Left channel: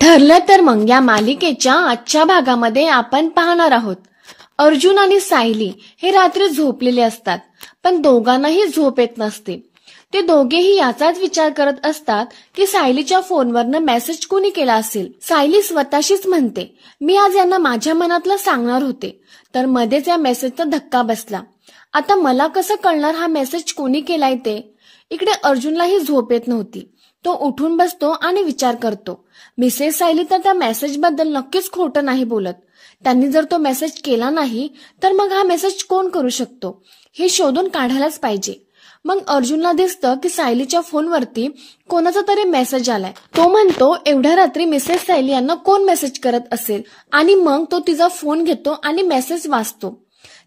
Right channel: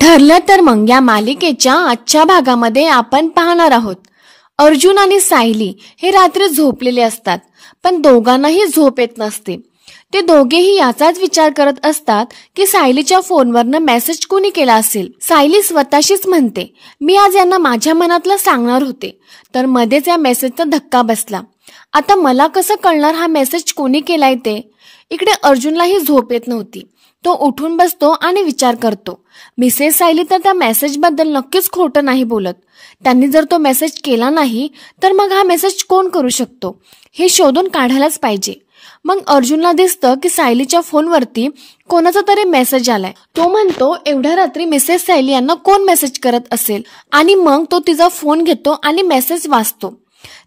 ठरलं तर मग या मालिकेच्या आजच्या भागामध्ये आपण पाहणार आहोत अर्जुन आणि सायली हे रात्री झोपलेले असतात, पण दोघांनाही झोप येत नसते. ते दोघेही याचाच विचार करत असतात की सायलीच्या फोनवरनं मेसेज कोणी केला असेल. सायली स्वतःशीच म्हणते, मी आज यांना माझ्या मनातलं सांगणार होते, तर मध्येच या मेसेजचा धक्का बसला. आता मला कसं कळणार हा मेसेज कोणी केलाय ते. इकडे अर्जुनलाही झोप येत नव्हती. तो उठून बसतो आणि विचार करतो, मिसेस सायली तर त्या मेसेजबद्दल नक्कीच खोटं नाही बोलत. त्यांनी जर तो मेसेज केला नाही तर मग हा मेसेज कोण करू शकतो हे शोधून काढायलाच पाहिजे. मग अर्जुनला दिसतं की सायलीच्या फोनवरती कोणाचा तरी मेसेज आलाय. तो म्हणतो, एवढ्या रात्री मिसेस सायली यांना कोण मेसेज करत असेल. आणि मग तो तिचा फोन घेतो आणि मेसेज वाचतो.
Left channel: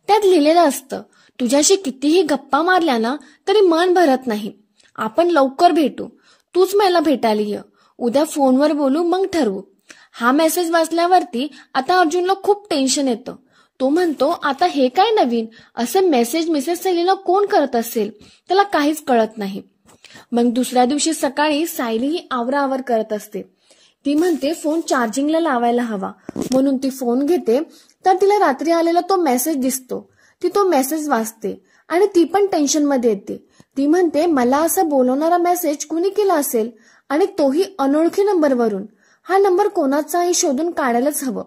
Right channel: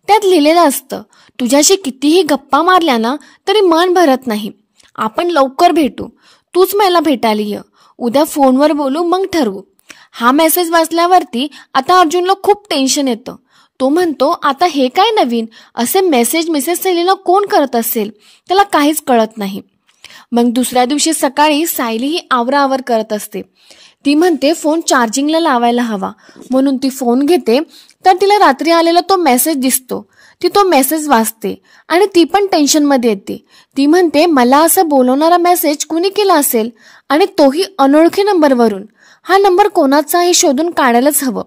त्यात लिहिलेलं असतं, तुझ्याशी कितीही गप्पा मारल्या ना तरी मन भरत नाही. आपण लवकर भेटू, तूच मला भेटायला ये. उद्या फोनवर बोलू, मग ठरवू. हा मेसेज वाचल्यावरती आता अर्जुनला खूप टेन्शन येतं. तो म्हणतो, आता हे काय नवीन, असे मेसेज मिसेस सायलीला कोण करत असेल. त्याला काहीच कळत नाही. मग दुसऱ्या दिवशी सकाळी सायली ही आवराआवर करत असते. ती म्हणते फोन चार्जिंगला लावायला हवा, म्हणून ती फोन घेते. तर तिला रात्री आलेला तो मेसेज दिसतो. ती तो मेसेज वाचते आणि ती पण टेन्शनमध्ये येते. ती म्हणते, मला असं बोलवणारा मेसेज कुणी केला असेल, आणि तोही अनोळखी नंबरवरून. हा नंबर कोणाचा हे शोधून काढायलाच हवं.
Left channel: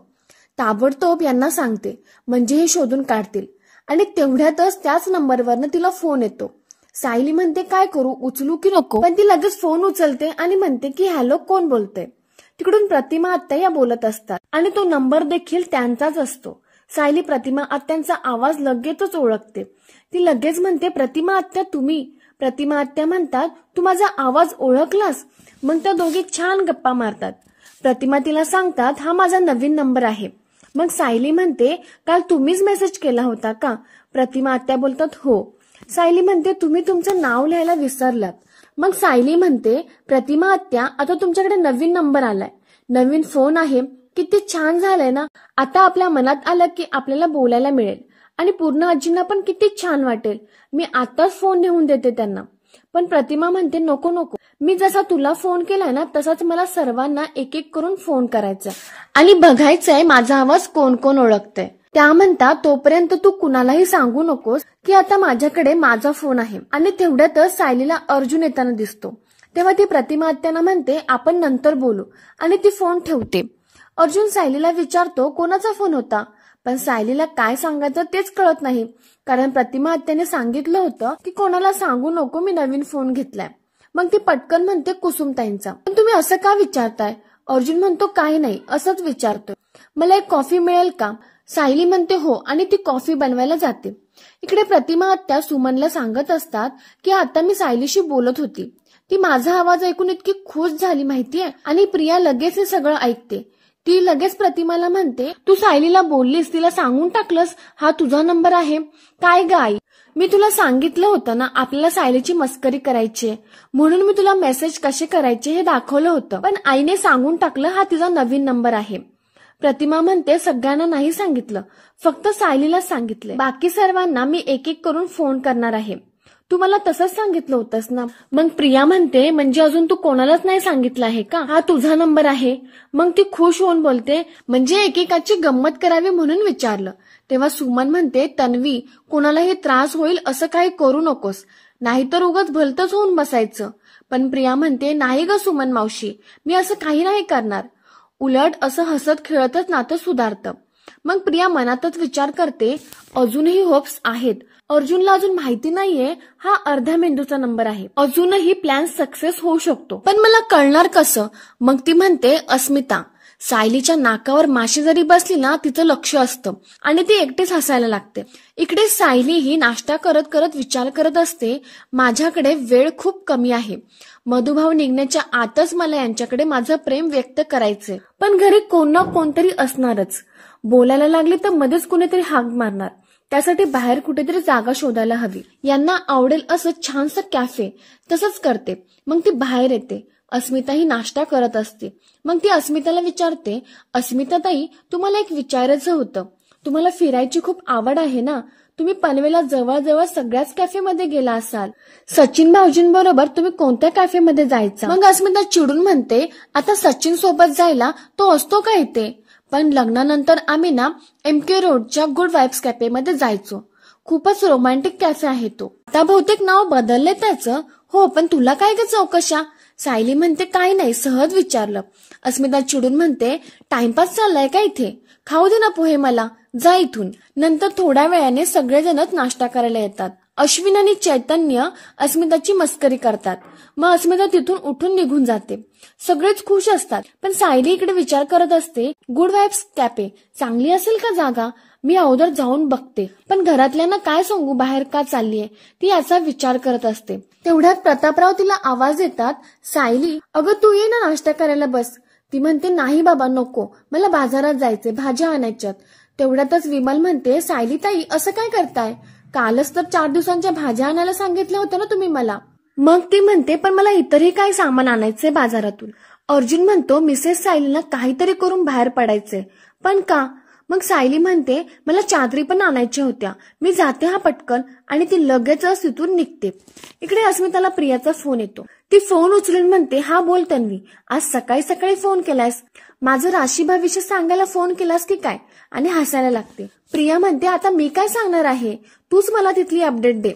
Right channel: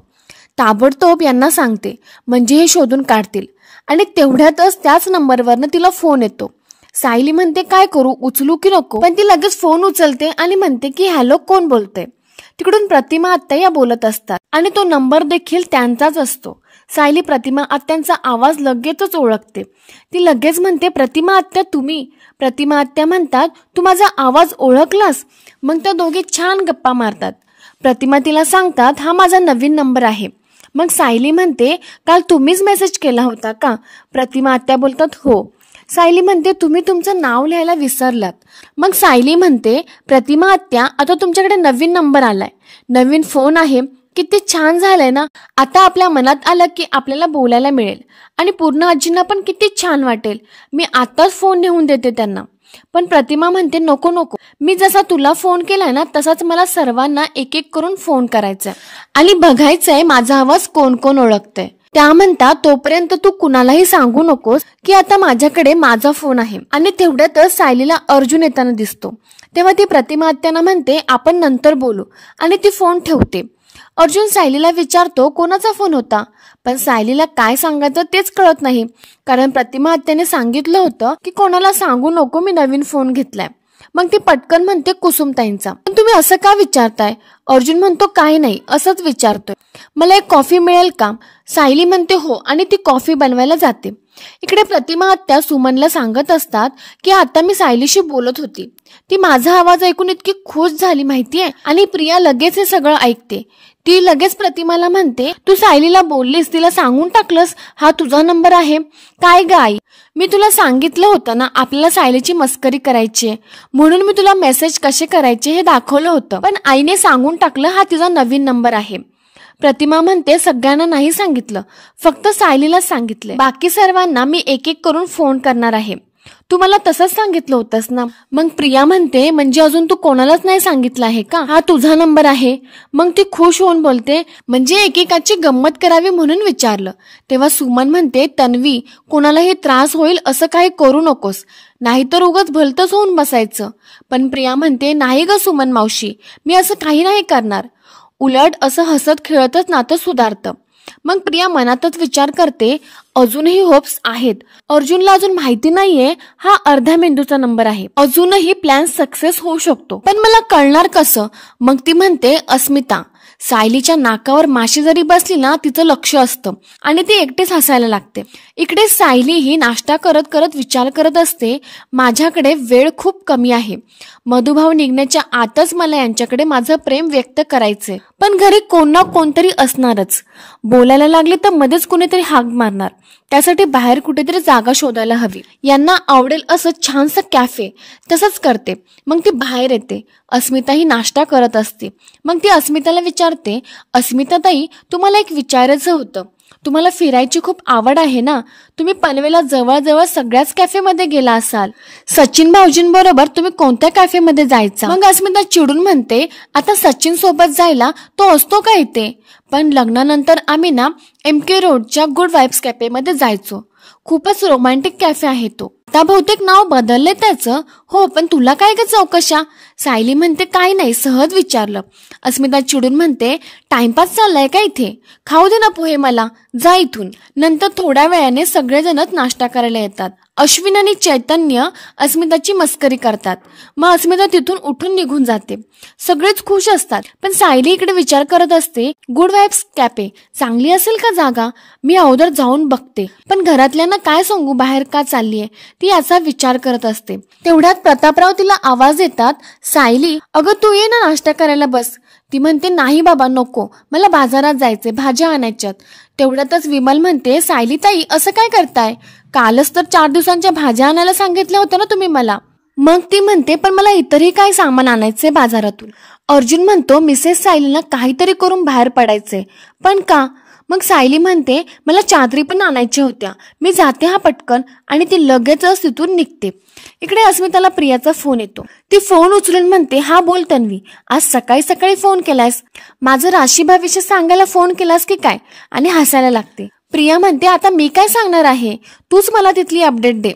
ताबडतोब यांना सांगते, म्हणजे हे शोधून काढतील. आणि तेवढ्यातच त्याच नंबरवरनं तिला फोन येतो. सायली म्हणते, काय करू, उचलू की नको. पण ती लगेच फोन उचलते आणि म्हणते की हॅलो, कोण बोलतंय. तिकडून प्रतिमा आत्या या बोलत असतात आणि तो नंबर देखील त्यांचाच असतो. सायली प्रतिमा आत्यांचा आवाज लगेचच ओळखते. ती लगेच म्हणते, प्रतिमा आत्या तुम्ही. प्रतिमा आत्या म्हणतात, तू माझा आवाज ओळखलास. मग त्या दोघे छान गप्पा मारतात. प्रतिमा तिला सांगतात, हा माझा नवीन नंबर आहे. मग सायली म्हणते, काल तुम्हीच मेसेज केला होता का. प्रतिमा आत्या बोलतात, हो. सायली म्हणते, तुम्ही तुमचं नाव लिहायला विसरलात. मग सायली म्हणते, प्रतिमा आत्या, आता तुमच्याकडे नवीन नंबर आलाय, नवीन फोन आहे, किती छान झालंय ना. आता आपल्या मनात आलं की आपल्याला बोलायला मिळेल आणि पूर्ण आजींना पण किती छान वाटेल. मी आताच फोन नेऊन देते त्यांना. पण प्रतिमा म्हणते, नको नको, मी जसा तुला फोन केलाय ना तसाच मला सर्वांना एक एक करून फोन करायचाय आणि बघायचंय माझा आवाज कोण कोण ओळखतंय. त्या म्हणतात, तोपर्यंत तू कुणालाही सांगू नकोस की आता माझ्याकडे माझा फोन आहे. आणि तेवढ्यातच सायलीला अर्जुन येताना दिसतो. तेव्हा ती प्रतिमा आत्यांना म्हणते, आपण नंतर बोलू, आणि ती फोन ठेवते. अर्जुन सायलीला विचारतो, कोणाचा फोन होता. पण सायलीला काय सांगायचं तेच कळत नाही, कारण प्रतिमा आत्याने सांगितलं होतं की कोणाला सांगू नको, मी नवीन फोन घेतलाय. मग ती पटकन म्हणते, कुसुमताईंचा. पण तुम्ही असं का विचारताय. अर्जुन म्हणतो, काही नाही, असंच विचारतोय. मला एक कॉफी मिळेल का. सायली म्हणते, हो, आणि ती कॉफी बनवायला जाते. इकडे प्रतिमा आत्या सुमनला सांगत असतात की आता मी सायलीशी बोलत होती. ती माझा आवाज ऐकून इतकी खुश झाली माहितीये. आणि प्रिया लगेच हे सगळं ऐकते. ती लगेच प्रतिमाला म्हणते, तू सायलीला बोललीस, तिला सांगून टाकलंस हा तुझा नंबर आहे. काय ग आई, मी तुला सांगितलं होतं ना आपल्याला सायलीची मस्करी करायची, म्हणून मी तुला मेसेज कसे करायचे हे दाखवलं होतं. पण आईने सांगून टाकलं हा तिचा नवीन नंबर आहे. प्रतिमा म्हणते, सगळ्यांना नाही सांगितलं, फक्त सायलीलाच सांगितले. बाकी सर्वांना मी एक एक करून फोन करणार आहे. तू मला तसंच सांगितलं होतंस ना. मग प्रिया म्हणते, म्हणजे अजून तू कोणालाच नाही सांगितलं आहे का, हा तुझा नंबर आहे. मग ती खुश होऊन बोलते, म्हणजे एकेकाची गंमत करावी म्हणून विचारलं. तेव्हा सुमन म्हणते, तन्वी, कोणालाही त्रास होईल असं काही करू नकोस, नाहीतर उगाच भलतंच होऊन बसायचं. पण प्रिया म्हणते, नाही ग सुमन मावशी, मी असं काही नाही करणार. उलट असं हसत खेळतच नातं सुधारतं. मग प्रिया मनातच विचार करते, अजूनही होप्स आहेत. अर्जुनला अजून माहिती नाहीये हा अर्ध्या मेंदूचा नंबर आहे. अजूनही प्लॅन सक्सेस होऊ शकतो. पण मला कळणार कसं. मग ती म्हणते, अस्मिता, सायलीच्या नाकावर माशी जरी बसली ना तिचं लक्ष असतं आणि ती एकटीच हसायला लागते. इकडे सायली ही नाश्ता करत करत विचार करत असते, माझ्याकडे वेळ खूप कमी आहे. मधुभाव निघण्याच्या आतच मला यांच्याकडे माझं प्रेम व्यक्त करायचंय. पण घरी कोण ना कोणतरी असणारच. बोलायला लागले तर मध्येच कुणीतरी हाक मारणार. त्यासाठी बाहेर कुठेतरी जागा शोधायला हवी. यांना आवडेल असं छानसं कॅफे. तसंच करते. मग ती बाहेर येते. अस्मिता ही नाश्ता करत असते. मग ती अस्मिताला विचारते, अस्मिता ताई, तुम्हाला एक विचारायचं होतं. तुम्हाला फिरायची खूप आवड आहे ना, तुम्ही पनवेलला जवळजवळ सगळ्याच कॅफेमध्ये गेला असाल. सचिन भाऊजींबरोबर तुम्ही कोणत्या कॅफेमध्ये जायचा? मग अस्मिता चिडून म्हणते, आता सचिन सोबत जायला तो असतो का इथे? पण लग्नानंतर आम्ही ना MK रोडच्या गुड वाईब्स कॅफेमध्ये जायचो. खूपच रोमॅन्टिक कॅफे आहे तो. आता बहुतेक नाव बदलले त्याचं. हो, पण तुला काय ग चौकशा? सायली म्हणते, काही नाही, सहज विचारलं. अस्मिता चिडून म्हणते, टाइमपास चाललाय का इथे? खाऊ दे ना पोहे मला, जा इथून. नंतर थोड्या वेळाने सगळेजणच नाश्ता करायला येतात. अश्विन आणि चैतन्य अस्मिताची मस्करी करतात. मग अस्मिता तिथून उठून निघून जाते. सगळेच खुश असतात, पण सायली इकडे विचार करत असते, गुड वाईब्स कॅफे चांगली असेल का जागा? मी अगोदर जाऊन बघते, पण घरातल्यांना काय सांगू बाहेर का चाललीये ती याचा विचार करत असते. तेवढ्यात प्रतापराव तिला आवाज देतात, सायली अगं तू ये ना, नाश्ता करायला बस. ती म्हणते, नाही बाबा नको, मला बाजारात जायचे, भाज्या आणायच्यात. तेवढ्यातच विमल म्हणते, सायली ताई असं काय करताय? कालच तर 4 दिवसांच्या भाज्या आणायला सांगितल्या होत्या ना तुम्ही मला. मग ती म्हणते, पण मला इतरही काय सामान आणायचे बाजारातून. अर्जुन म्हणतो, मिसेस सायलीला काहीतरी करून बाहेर पडायचे, पण का? मग सायली म्हणते, मला चादरी पण आणायच्या होत्या, मी जाते हा पटकन, आणि ती लगेचच तिथून निघते. इकडे अस्मिताला प्रियाचा फोन येतो. ती फोन उचलून म्हणते, हा बोल तन्वी, आज सकाळी सकाळी फोन केलास, माझं राशीभाविष्य सांगायला फोन केलास की काय? आणि हसायला लागते. प्रिया म्हणते, आता मी काय सांगणार आहे, तूच मला तिथली अपडेट दे.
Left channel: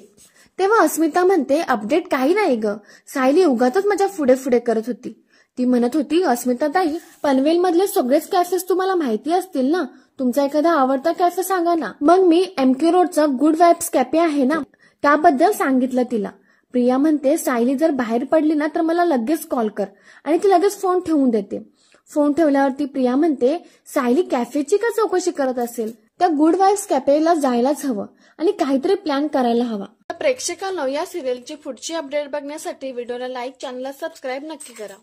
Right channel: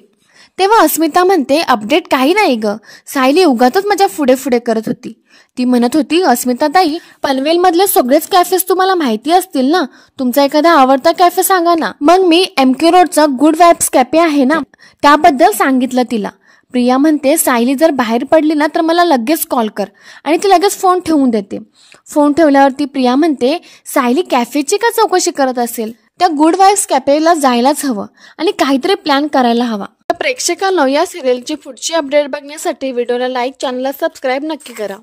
तेव्हा अस्मिता म्हणते, अपडेट काही नाही ग, सायली उगाचच माझ्या पुढे पुढे करत होती. ती म्हणत होती, अस्मिता ताई पनवेल मधले सगळेच कॅफेस तुम्हाला माहिती असतील ना, तुमचा एखादा आवडता कॅफे सांगा ना. मग मी MK रोडचा गुड वाईब्स कॅफे आहे ना त्याबद्दल सांगितलं तिला. प्रिया म्हणते, सायली जर बाहेर पडली ना तर मला लगेच कॉल कर, आणि ती लगेच फोन ठेवून देते. फोन ठेवल्यावरती प्रिया म्हणते, सायली कॅफेची का चौकशी करत असेल? त्या गुड वाईब्स कॅफेला जायलाच हवं आणि काहीतरी प्लॅन करायला हवा. प्रेक्षकांनो, या सिरियलची पुढची अपडेट बघण्यासाठी व्हिडिओला लाईक, चॅनलला सबस्क्राईब नक्की करा.